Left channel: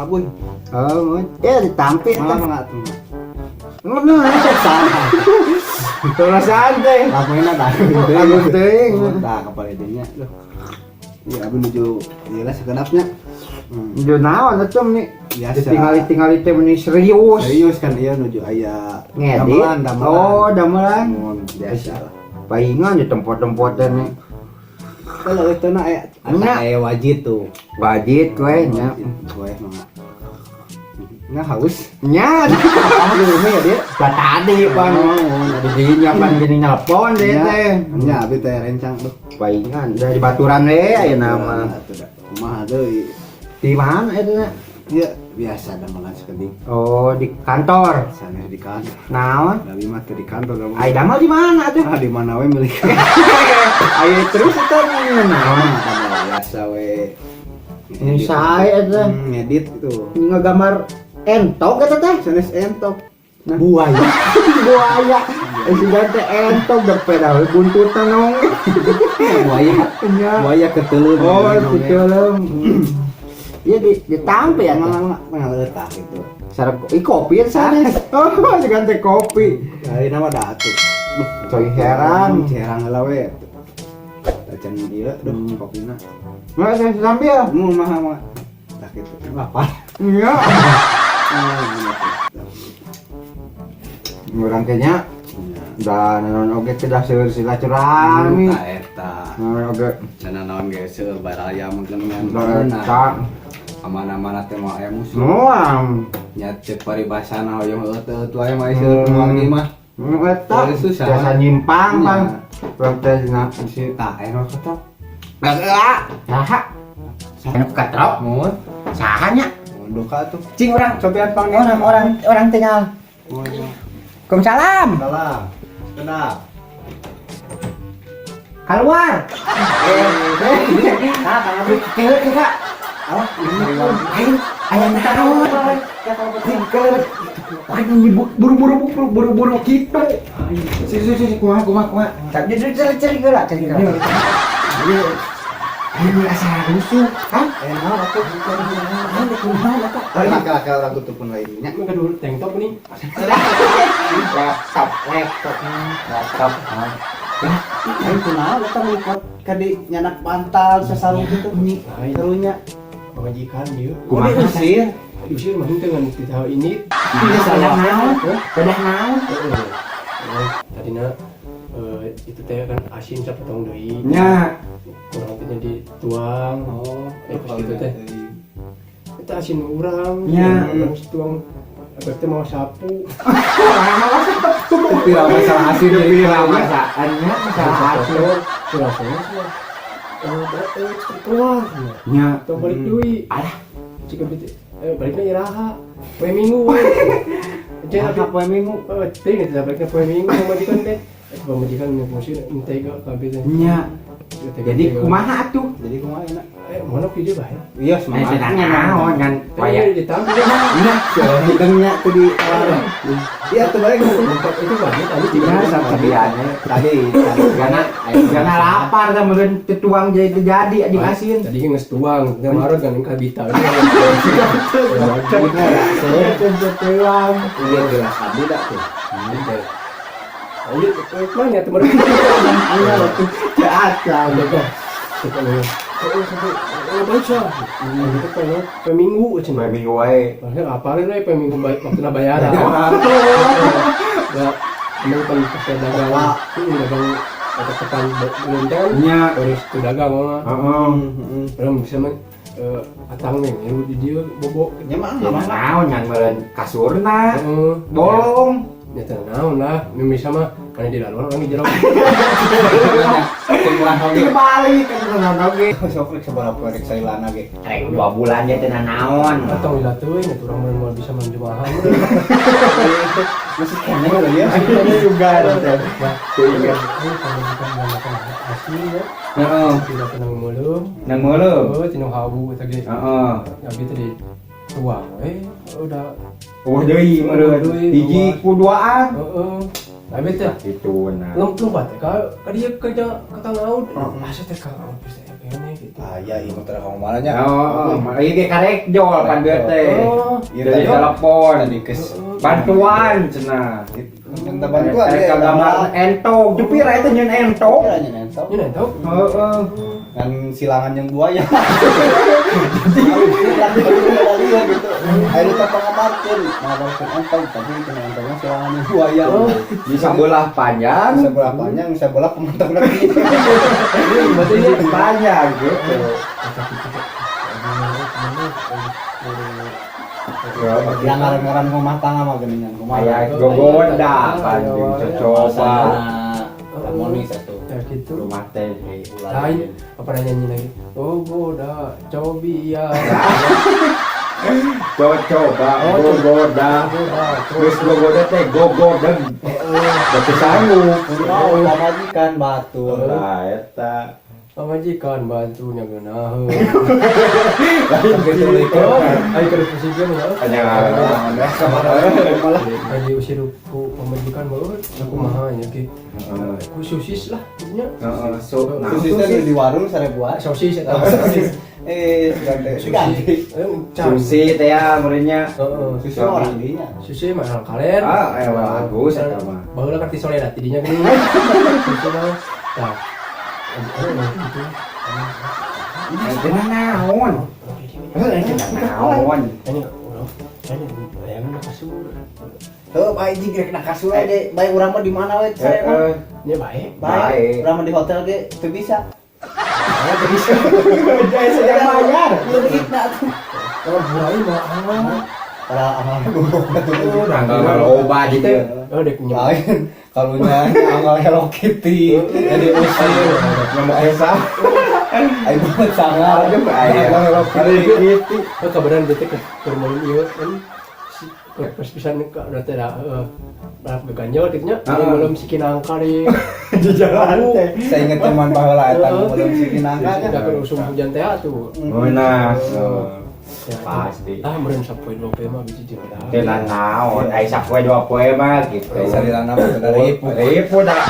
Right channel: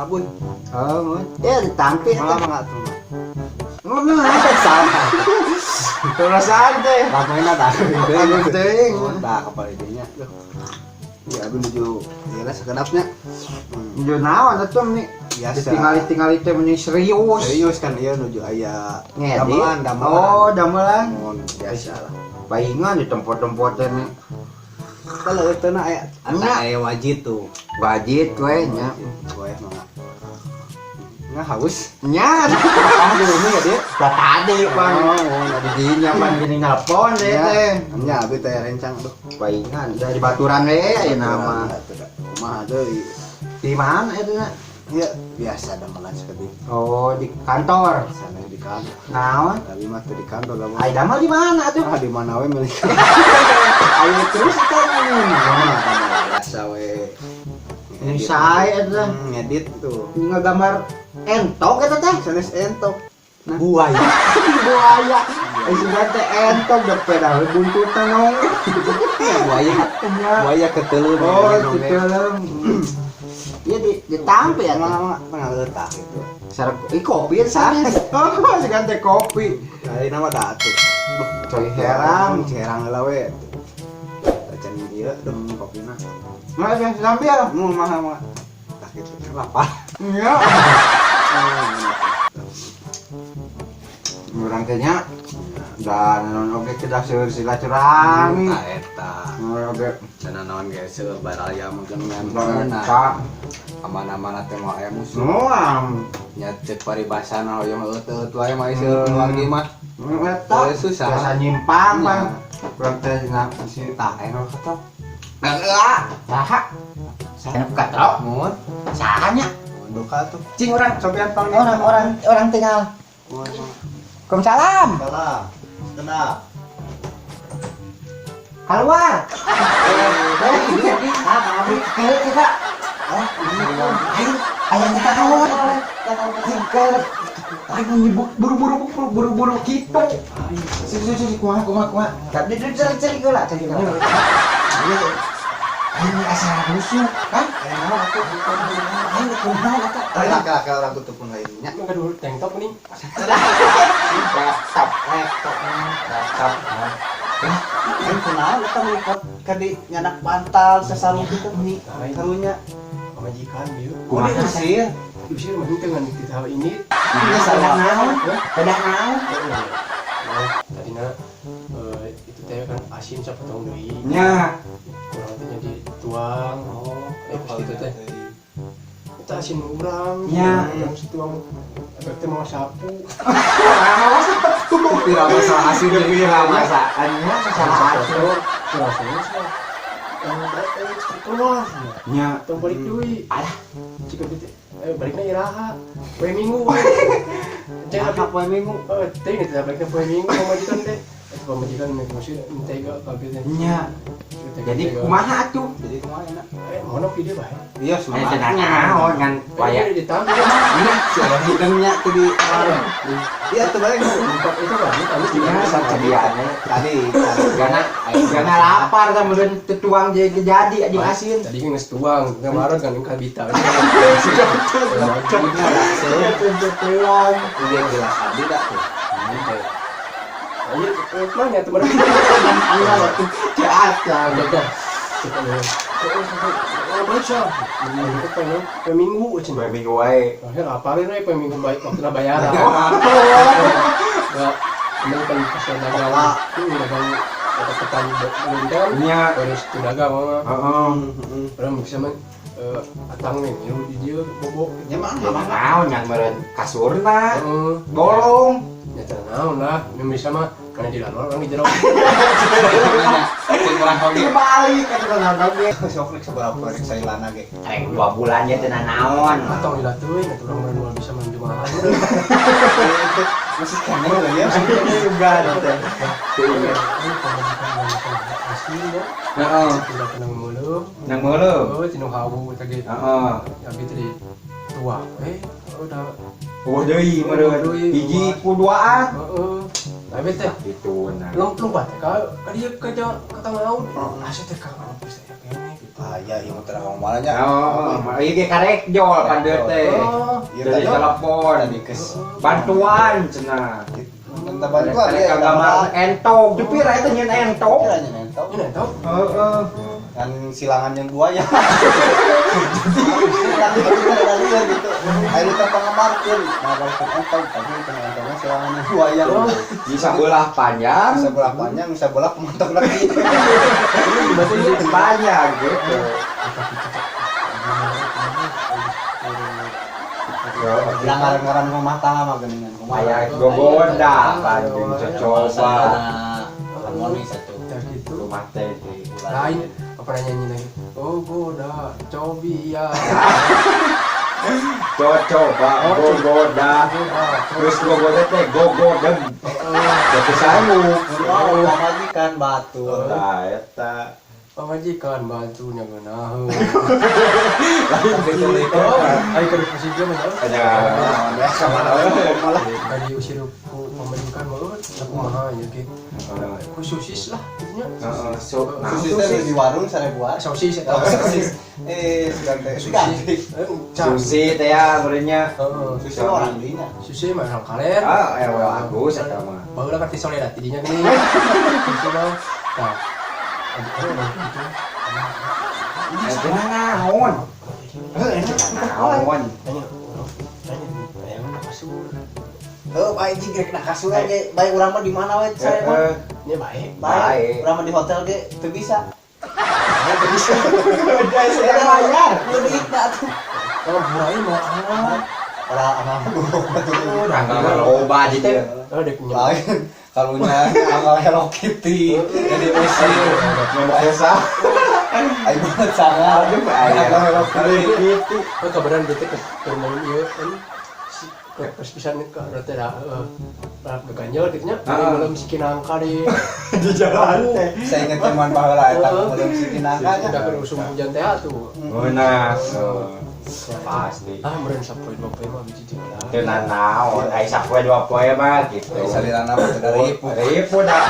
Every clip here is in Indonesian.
mabun. Oh, ya ditampil Malah kan. enggak tuh. Mana salah. Terus santai. Lakuin ada. Aku teuing. Nah, kapal idenya. Ya, abi menuju ieu segenapnya. Udah naon atuh nih. Biasa. Tinggal teh meni serius. Serius kan dia menuju aya Ngedit. damelan. Oh, damelan. Biasa. Palingan di tempat-tempat teh Kalau itu na aya Nya. aya wajib tuh. wajib we nya. Gue mah. Nah, haus. Nya. Ah, di rumah ya dia. Lah tadi Bang. Jadi nyapan gini nelpon deh teh. Nya, abi teh rencang tuh. Palingan dari baturan we aya nama. Kumaha deui? Di mana eta? Ya, biasa damelan sekali. Oh, di kantor. Sana di kantor. Naon? Tapi mah teh di kantor nama. Ai damel di mana atuh? Ah, di mana we milik. Ayo terus eta naon? Biasa we. Ini saya eta Ngedit tuh. ngagambar entok eta teh. Serius entok. Nah, Buaya. Buaya. Si gante entok berpeda buntutan nong. buaya. Nya. Buaya keteul. Oh, diteuleum. Iya ditampe ya mana letak. sarap kopi sana. Oh, si gante kopi. Hari nama datu. Coy heran. Herang lah we. Acan ieu demi kopina. Nggak ada sambil. Mau mah. Sakit apa? Iya. Orang kayaknya dan non oke tidak silaturahmi. Eta. Non oke Cenah naon ge seueur baraya mungkin tak aman-aman teh mah aya musuh. muam. Nya cek paribasana yang eueuh wae mah seueur wangi mah. Eta Susah. biasa nyimpang Bang. Urang teh na si Tak enak kata. Heeh. Saha? Anu katrok. Mun Sahanya? duka tuh. Cing urang Cobian pang orang tinggal. Waalaikumsalam. Salam. Kenap. Keluar. Ah, Bang Abi. Kak. Oh, Ayo, ayam kita keluar. Tinggal. Ayo buru-buru gitu. Si, kumaha. Tapi cari geula. Ini asal rusuh, kan? enak aku Tadi kakak orang tutupun lainnya. Enggak dulu tank top nih. laptop. Kan kenal kita ngikut kadi nyanak pantal sesalung itu nih karunya Majikan dia. Kumaha sih? Bisa mungkin dengan tahu ini. Nah, pedah naon? Pedah naon? Tadi itu teh kan asin siapa tahu deui. Nya, Kurang teh dituang. Pas itu teh. Kita asin urang. Ya. Urang tuang. Berarti mau sapu. tapi masalah hasil Tapi masakannya masalah hasil. Rasanya sih. Keluar. Nya, Tong balik deui. alah, Jika baliknya iraha. Poe Minggu. Jangan apa poe minggu teh kita baliknya poe Minggu majikan teh. Majikan masih mentega kaget. nya. Jadi kumaha atuh? jadi kumaha enak Mana video bae? iya Aya semangat naon kan Waya waya. ditambah. Nya, hidungnya tuh di iya tuh balik Itu banget kami di nya sabiane. tadi Jangan lapar ta meureun tuang jadi anjing asin. Tadi kan geus tuang, yang marot kan kabita. Tuang. iya jelas tadi dah tuh Lanjut, mana ya teman? Jahat lah. Baca. Peminggu aja. Bae minggu wae. Apa lagi peminggu waktu bayaran. Ini kan pasar dagang. Ini dagang tekan belum kan? Nya, Harus tuh dagang mah. heeh. Orang bisa mah atang nih, ya di dia bobok. nyaman Naon nya meureun kasurna, bolong. Ya ternaun lah, ini bisa mah karena di dalam orang di jero. cengguan oge Balik kan nonton oge. sok seberapa rek sailana ge Rek 2 bulan ya cenah naon. Atau dilatuin, itu orang mau bisa mandi mahal. masih kene ya Ini juga teh. Iya. Heeh. Tenang mulu. Nang mulu. Oh, cenah hawu tadi. Heeh. Abi tadi tua. Udah. Oh deui meureun. Hiji ku duaan. Heeh. Abi teh Itu nah. lompat. Kalau dia kerja ke tengah laut, masih teh ka office ini gitu. Ah ya imut teh ngomong malahnya. Iki karek jol pandeut teh. Dari telepon, bantuan cenah. Minta bantuan ya. Kagak entong, jepir eta nyeun entong. Ini tahu. Heeh. Kan silangan yang buaya. Jadi silangan gitu. Ayo kita pengamatan. Entong tapi entongnya silangan yang buaya. Bisa belah panjang, Bisa bola panjang, bisa bola pementok lagi. bisa panjang gitu. Yang ngaran-ngaran rumah tangga mah geuningan rumah. Kayak gogoda panjang cocoba. Harmonis satu. Gitu. Rumah teh. Lain apa nyanyi lagi? Oh goda, cobia. Cocoba, gogoda. Terus gogoda teh gogoda. Itu sangu. Mau pamajikan batu. Nah, eta. Pamajikan bantunya geunaheun. Lain gitu. Ayo ke presiden ya. Hanya Tadi usir ku pamajikan meureun, kumaha nya ge. Sosis lah nya. Sosis di warung 1000-an. Sosis eta. Sosis. Ganti. Susi teh ya meureunnya. Sosis orang dinya. Susi mah orang kalen. Bagus eta mah. Baheula kan ti sore da tidinya geuning. Susi mah. Tah. Itu naon? Itu naon? Baik jika nak kasur aja, baik orang mah di mana wet saya mah. Ini baik. Baik, orang mah di hotel ge teu bisa. Bisa. Saya bayar. Mudik dah tuh. Oh, mulai mau Para amal guguk betul. Tanggal loba di teh. Oh, dek nyem. Lain kalunya amal Hello Kitty, jadi usir. Ngomong esa. Ayo banget sangat. Hello Kitty. Oh, kabaran detik keur ieu kan. Pas pisan ka teh da dak ganjel kitu nya. Belum sikinangka di jalan teh. Saya inget zaman baheula eta belum sikinangka nya. Da keur usum hujan teh atuh. Benar. Pasti. Ah, meureun sapoe 2 mah biji teh. Jangan naon, ai sapoe 2 poe mah gitu. Salirana mah teu dari Ribu dah.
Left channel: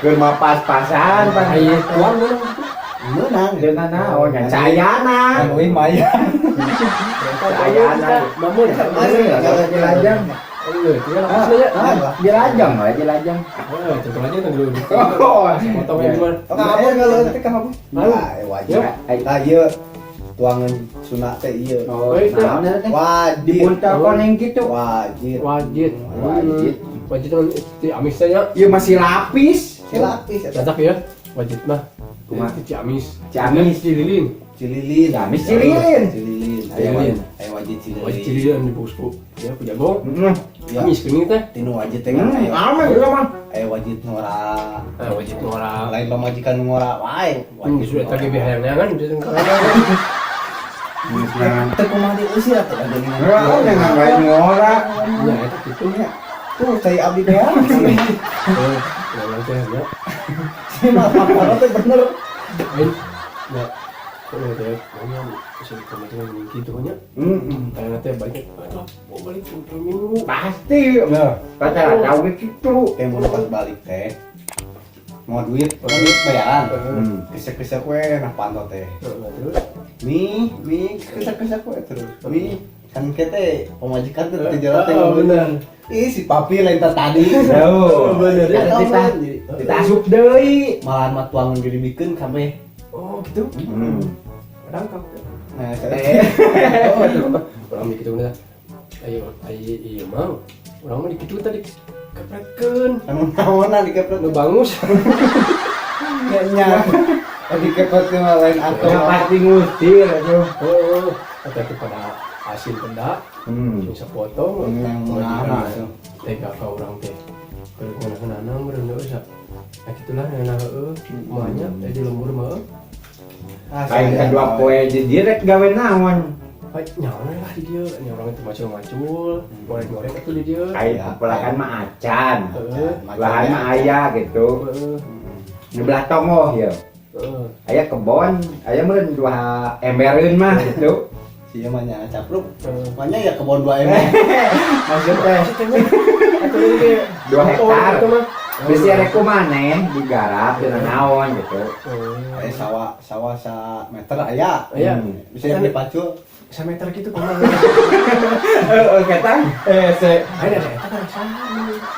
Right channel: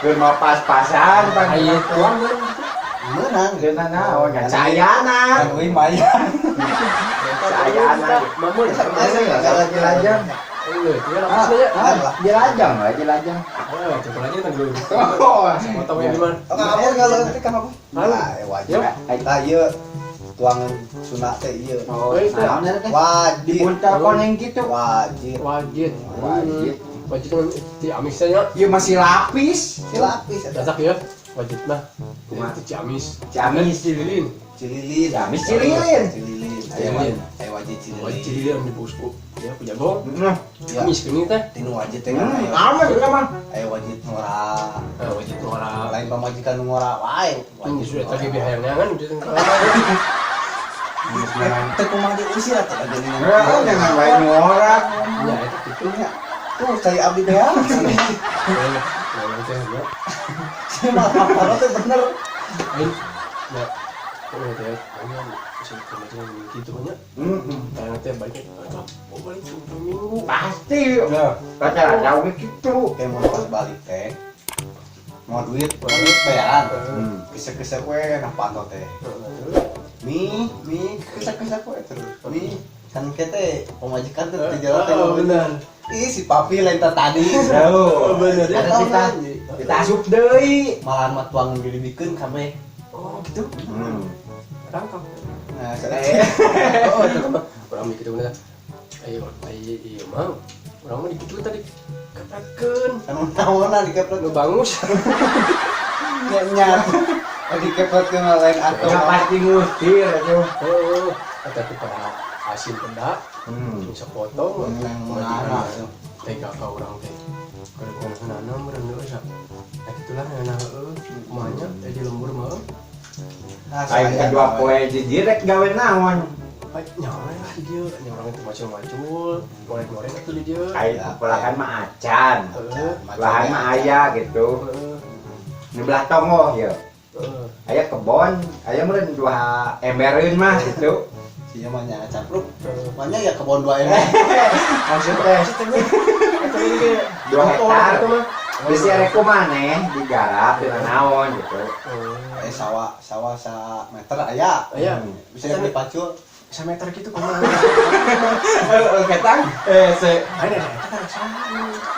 Keur mah pas-pasan pan. Ai tuan menang. Jangan naon, ngan sayana. Kan euy maya. Sayana. mamun. Jelajang. Iya, tinggal apa saja. Jelajang mah, jelajang. Oh, itu aja kan dulu. Oh, Potongnya gimana? Ngapun kalau teh kan aku. Halo. Wajib. Ah ieu tuangan sunat teh ieu. Oh, naon teh? Wajib. Dipuntelkon yang gitu. Wajib. Wajib. Wajib. Wajib kan di amisnya. Ieu masih lapis. Silapis eta. Dadak ya. Wajib lah. Kumaha? Di Ciamis. Ciamis. Cililin. Cililin. Ciamis Cililin. Cililin. Cililin. Saya wajib cililin. Wajib Cililin di bosku. Ya aku jago. Heeh. Ciamis geuning teh. Tinu wajib teh kan. Aman kita mah. Ayo wajib ngora. Wajib ngora. Lain pamajikan ngora wae. Wajib sudah tadi biharnya kan gitu. Teu kumaha diusir atuh ada Enggak, jangan baik ngora. Ya itu nya. Tuh saya abdi teh. Si mah apa teh bener. Lain. Ya. Kena teh. Bisa kemudian gitu nya. Karena teh banyak. Oh balik minggu. Pasti. Ya. Kata-kata we gitu. Kayak mau pas balik teh. Mau duit bayaran. Kesek-kesek we nah pantau teh. Mi, kesek-kesek we terus. Mi, kan kita pemajikan tuh di jalan teh bener. Ih si papi lain tadi. Oh, bener. Kita asup deui. Malahan mah tuang dibikeun kame. Oh gitu. Rangkap. Nah, Oh, itu mah orang begitu enggak. Ayo mah. Orang mah dikitu tadi keprekeun. anu naonan dikeprek Nu bangus. nya. Dikeprek ke lain atau Ya pasti ngusir atuh. Oh, tapi pada hasil benda bisa foto. Mana Tega ka orang teh. Kalau kuna urang geus bisa. Itulah enak semuanya tadi lembur mah. Kain kedua poe di direk gawe naon. Baik nyawa lah di dia, orang itu macul-macul, goreng-goreng itu di dia. Kain belahan mah acan. Belahan mah aya gitu. Di belah tongoh ya. Aya kebon, aya meureun 2 embereun mah gitu. Sia mah nya capruk. Mana ya kebon 2 ember. Maksudnya Atau ini 2 hektar. Bisa rek kumaneh digarap dengan naon gitu. Sawah sa meter aya. Aya. Bisa yang dipacul. Semeter gitu kumaha. Ketang Ada eta kan sana.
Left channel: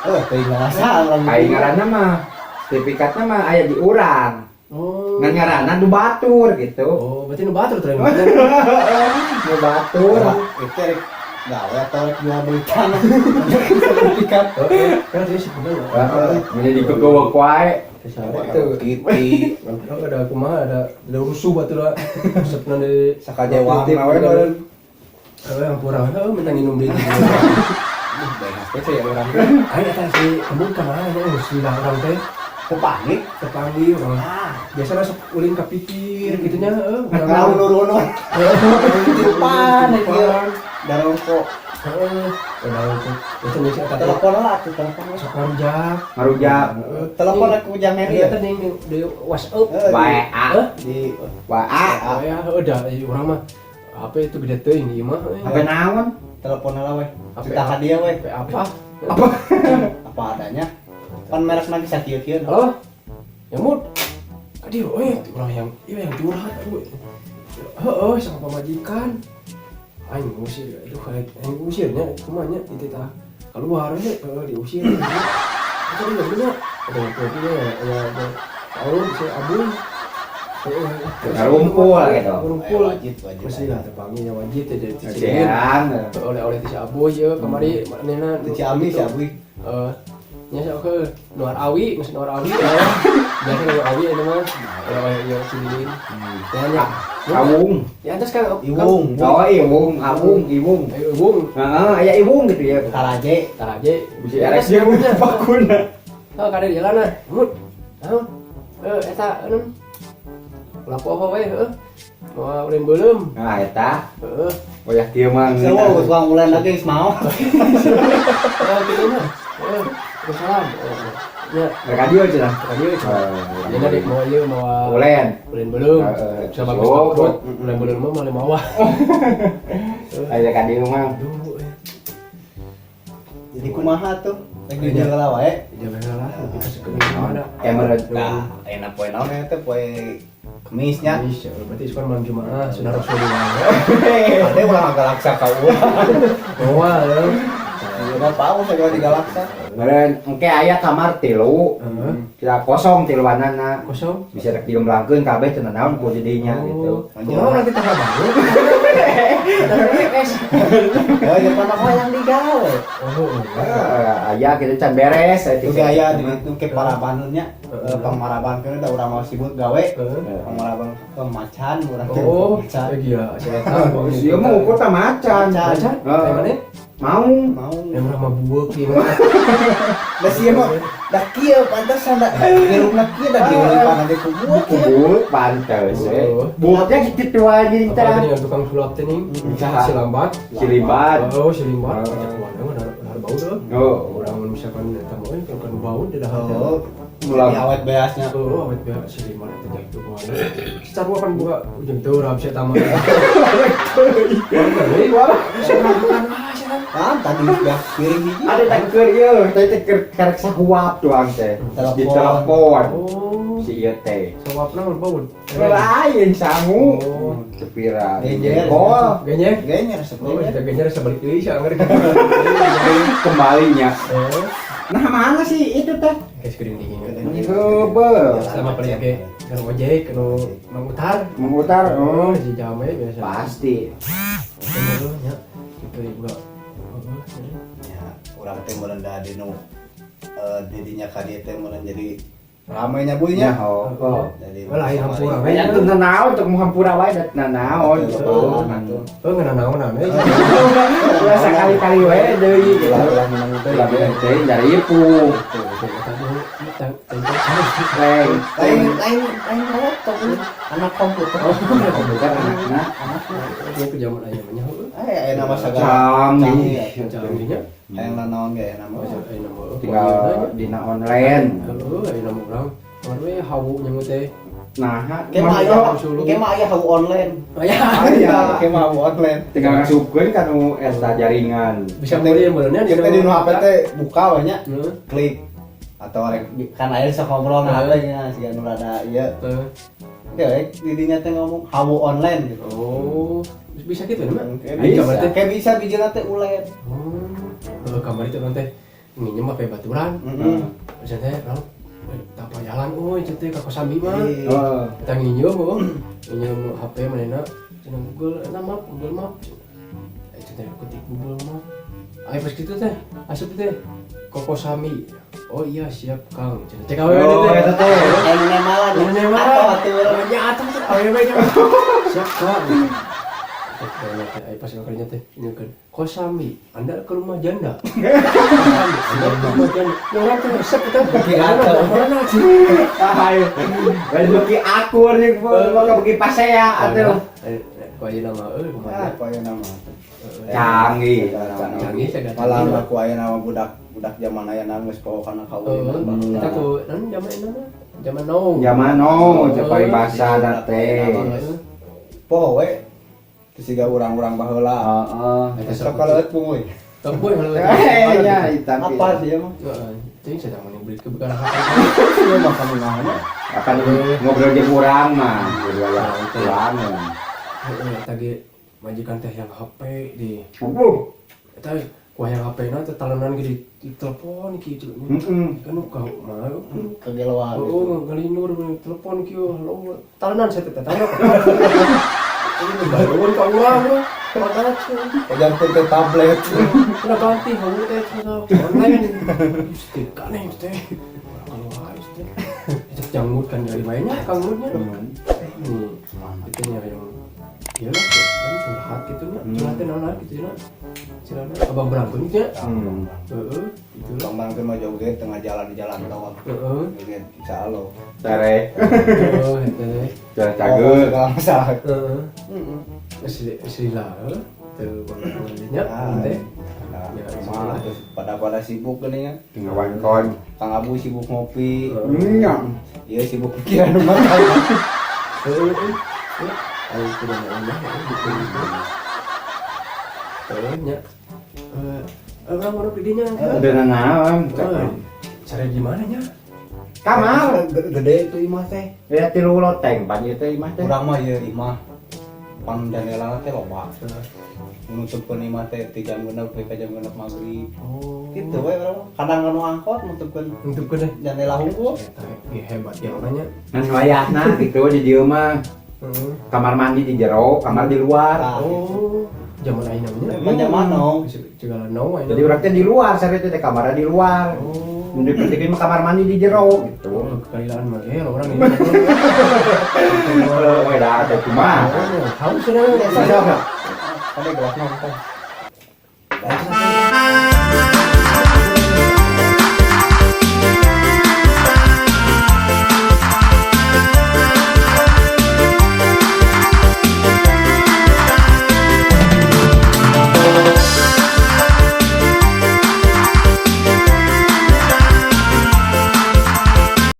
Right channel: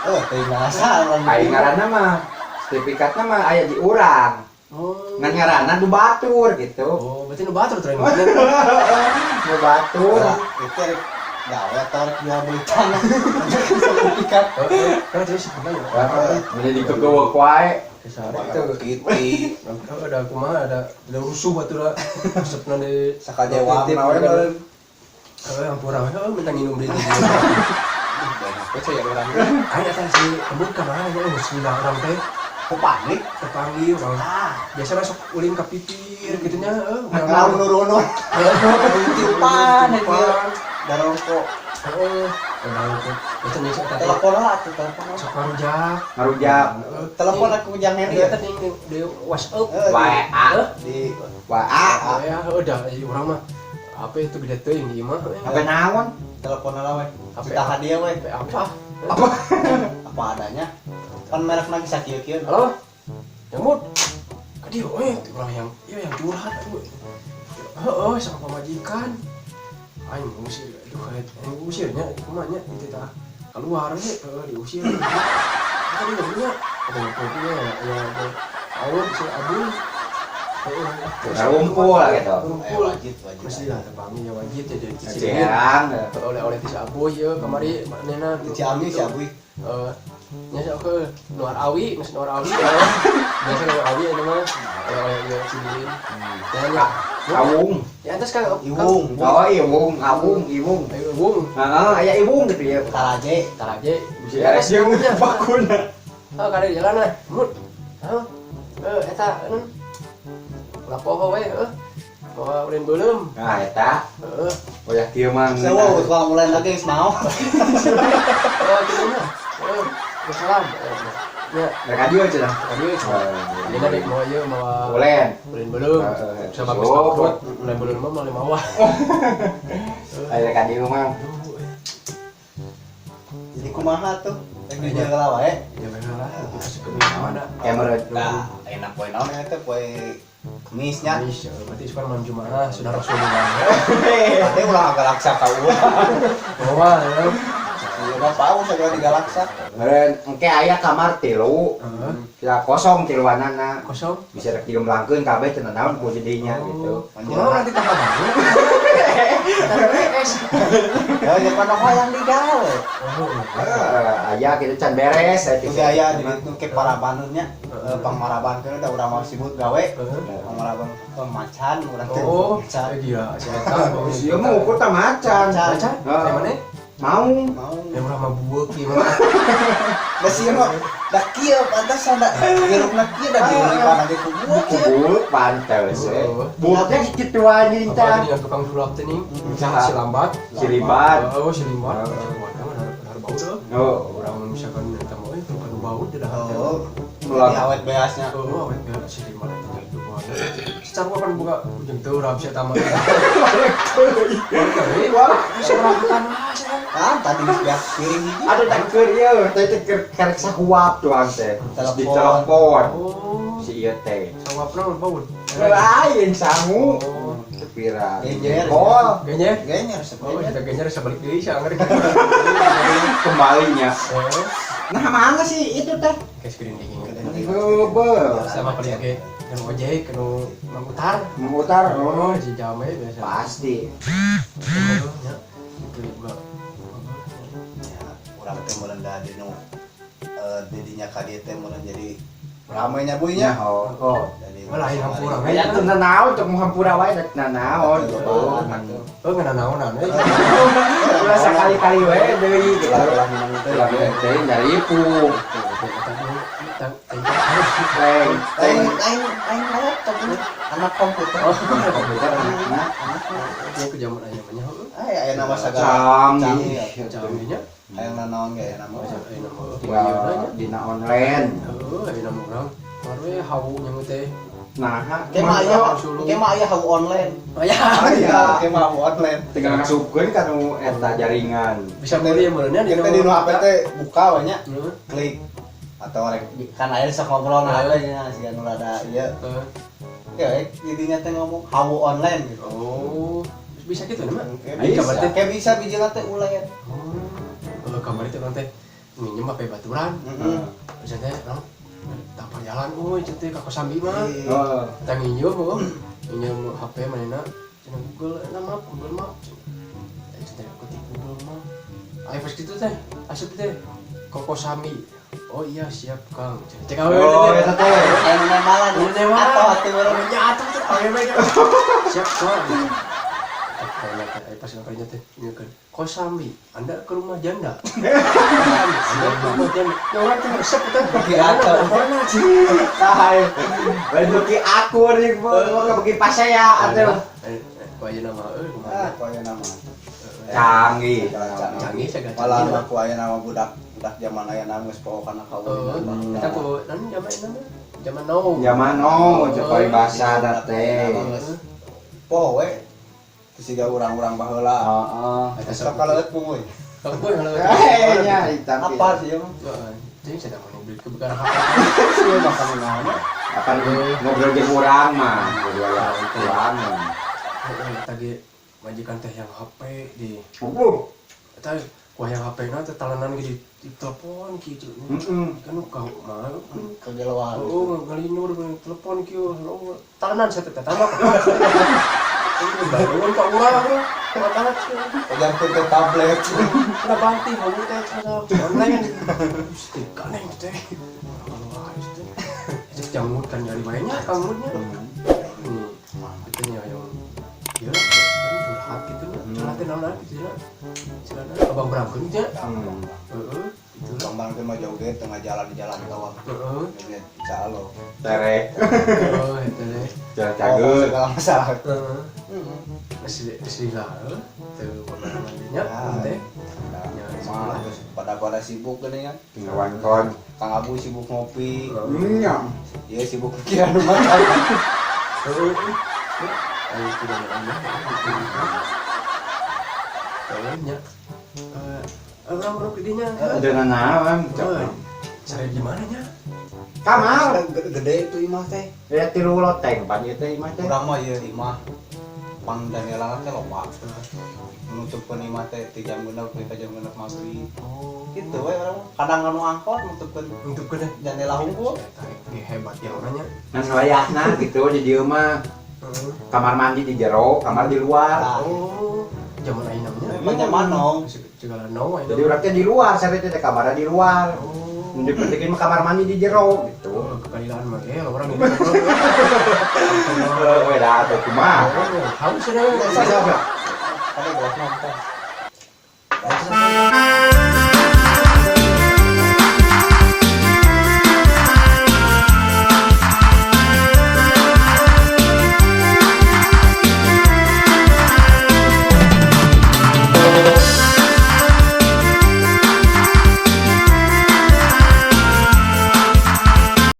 Oh, teuing ngarasa orang. Kai ngaranna mah sertifikatna mah aya di urang. Oh. Ngan ngaranna du batur gitu. Oh, berarti nu batur teh mana? Nu batur. Itu rek gawe atau rek jual beli tanah. Sertifikat. Kan jadi sebenarnya. Menjadi kegowo wae. Itu Kiti. ada kumaha ada rusuh batur da. Resepna di Sakajewang na we beureun. Kawe hampura minta nginum deui. Banyak we ya urang. Ayo eta si kamu kemana ya mesti larang teh. Kepanggil. Kepanggil orang. Biasanya sok ulin ka pipir gitu nya heeh. Naon nurunon. Ya, Tiupan itu. Darongko. Udah itu nih saya kata Telepon lah tuh telepon. sok marujak. Marujak. Telepon aku jangan Iya ya. tadi di WhatsApp. WA. Di WA. Ya udah di orang mah apa itu gede teuing di imah. Apa naon? telepon lah we. Apa Kita hadiah we. Apa? Apa adanya. Pan merek lagi sakieu-kieu. Oh. Nyamut. Aduh, orang yang curhat tuh. Heeh, sama pemajikan. Aing ngusir, aduh kayak aing ngusirnya kemana itu tah. Keluar nya diusir. Tadi enggak benar. Ada kopinya ya. Tahu saya abun. Ngumpul gitu. Ngumpul. Wajib. Masih ada kami yang wajib teh di sini. Ceran. Oleh si Abu ya kemari manena Di Ciamis ya, Bu. nya saya ke Nuar Awi, geus Nuar Awi. Biasa Nuar Awi itu mah. Ya cililin. Tanya. Awung. Di atas kan Iwung. Oh, iwung, awung, iwung. Ayo Bung, Heeh, aya iwung gitu ya. Karaje. taraje. Bisa ya dia punya bakuna. Oh, kada di jalan lah. Mut. Eta lapoho we heuh. Mau ulen belum? Nah, eta Heeh. boyak kieu mah. Semua geus mulai lagi geus mau. Oh, gitu mah. Salam. Ya, Radio cenah. tadi we coba. Ini di mau ieu mau Ulen. ulen belum. Sama geus Oh. takut. Ulen belum mah male mawah. Aya ka dieu mah. Jadi kumaha tuh? Lagi jalan wae. Jangan lah, itu kasih ke mana? Emerald. Nah, enak poe naon eta poe Kemisnya. Berarti sekarang malam Jumat sudah Rasulullah. Tapi ulah galaksa ka urang. Bawa ya. Udah tahu segala di galaksa. Meureun engke aya kamar 3. Kita kosong tiluanana. Kosong. Bisa rek diumlangkeun kabeh cenah naon ku didinya gitu. Kumaha nanti tambah baru? Ya yang mana yang digawe. Aya kitu can beres aya Oke aya di ditu ke parabannya. Pamaraban keur da urang mau sibuk gawe. Pamaraban macan urang teh. Oh, Macan. iya, saya tahu. Ieu mah ukur tah macan. Macan? Kayak mana? Mau. Mau. Orang mah buek gimana? Da sieu mah da kieu pantesan da hirupna kieu da dieureun pada di kubu. Kubur pantes buatnya gitu aja Apa kita. tadi yang tukang sulap teh nih? Saha? Si lambat. Si Limbat. Oh, si limbat. Mana benar bau dah. Oh, Orang misalkan kamu tukang bau tidak ada. Oh. Jadi awet beasnya. Oh, awet biar si limbat tidak itu mana. Secara kan buka jentuh orang bisa tamu. Wah, seberangkan aja. Kan tadi ya piring hiji. ada teker ieu, teh teker karek sahuap doang teh. Terus di telepon Oh, si ieu teh. sawapna bau. Lain sangu. Oh, Kepira. Genjer. Oh, ganyek. Genyer Oh, sebenarnya. kita genyer sebalik deui sia anggar. kembalinya. Eh, Nah, mana sih itu teh? guys kering dingin. Bebel. Sama pelik ke kan ojek kan memutar. Memutar. Oh, si jame biasa. Pasti. Oh, ya. Oke, buka. Ya, urang teh meureun da di nu didinya ka dieu teh meureun jadi ramainya buinya. Oh. Jadi Oh, lain hampura we. Banyak tuh nanaon untuk menghampura wae nanaon gitu. Oh, ngana naonan we. Ulah sakali-kali wae deui gitu. Ulah minum teh. Ulah deui dari ieu ku. Reng, Aing laptop ini anak komputer. Oh, komputer anakna. ini ke zaman aja namanya. Aya nama sagala. Canggih. Canggihnya. Aya naon ge nama. Tinggal dina online. Oh, ini nama orang. Baru ya hawu nyamu teh. Nah, Kema aya hawu online. Aya. Aya kema hawu online. tinggal ngasupkeun ka nu eta jaringan. Bisa beli yang benernya Kita di nu HP teh buka we nya. Klik atau kan air sok ngobrol nah we nya si anu rada ieu. Ya didinya teh ngomong hawu online gitu. Oh, bisa gitu mah. Kayak bisa bijil teh ulet. Oh, kamar itu nanti minjem pakai baturan. Bisa teh, no, tak jalan, oh itu teh kakak sambil mah. Kita minjem, minjem HP mana, Google Map. Itu teh ketik Google Map. Ayo pas gitu teh, asup teh, Koko Sami. Oh iya siap Kang. Cek awe itu teh nemalan. Nemalan. Ya atuh teh awe siap Kang. Ayo pas kalinya teh nyekeun. Kok Sami, Anda ke rumah janda? Rumah janda. Orang teh resep teh. Mana sih? Ayo. Lain ki akur nih gua bagi pas saya atuh. Kok aja nama Apa ya nama? Canggih. Canggih saya Malah aku aya nama budak zaman aya geus poho kana kawin. Kita ku zaman now. Zaman coba bahasa teh. Poho we. Siga urang-urang baheula. Heeh. Sok kaleut pungui. Kampung kalau Ya, hitam. Apa sih emang? Jadi saya mau beli kebukan HP. Apa ngobrol jeung urang mah, urang. Tadi majikan teh yang HP di. Eta ku yang HP na teh talenan di telepon kitu. Kan kau mah Kegeloan. oh ngalinur di telepon kieu. Talenan saya teh talenan. Baru ka urang. Makalat. Udah ke tablet. Udah ganti kamu teh online. Mesti kaneh teh. Kalau harus teh. Itu jamut kan dari banyak kamunya. Katanya yang ya curhat gitu mah. Curhatin orang gitu ya. Silakan abang berangkat gitu ya. Heeh. Itu lah. Kambang teh mah joget tengah jalan di jalan tol. Heeh. Joget insya Allah. Terek. Oh, itu deh. Cageut. Segala masalah. Heeh. Asli lah. Tuh nantinya teh. Pada sibuk gini kan. Ngawan kon. Kang Abu sibuk ngopi. Nya. Dia sibuk pikiran makan. Heeh. Ayo kita nambah. Terusnya. Abang baru gedenya kan. Ada naon. Cari di mana nya? Kamar. Gede itu imah teh. Lihat di loteng pan ieu teh imah teh. Urang mah ieu imah. Pang daerah teh loba teh. Nutupkeun imah teh 3 jam genep ka jam genep maghrib. Oh, Gitu we urang mah. Kadang anu angkot nutupkeun untuk gede. jendela hungkul. Ini hebat ya namanya. Ngan wayahna gitu di dieu mah. Kamar mandi di jero, kamar di luar. Oh, zaman ayeuna namanya. Macam mana? Juga no ayeuna. Jadi urang teh di luar, saya teh kamarna di luar. Oh. Mun dipetikin mah kamar mandi di jero gitu. Oh, kekailan mah orang ini. We da atuh kumaha. Haus sudah. Saya enggak. Saya gua mah bukan.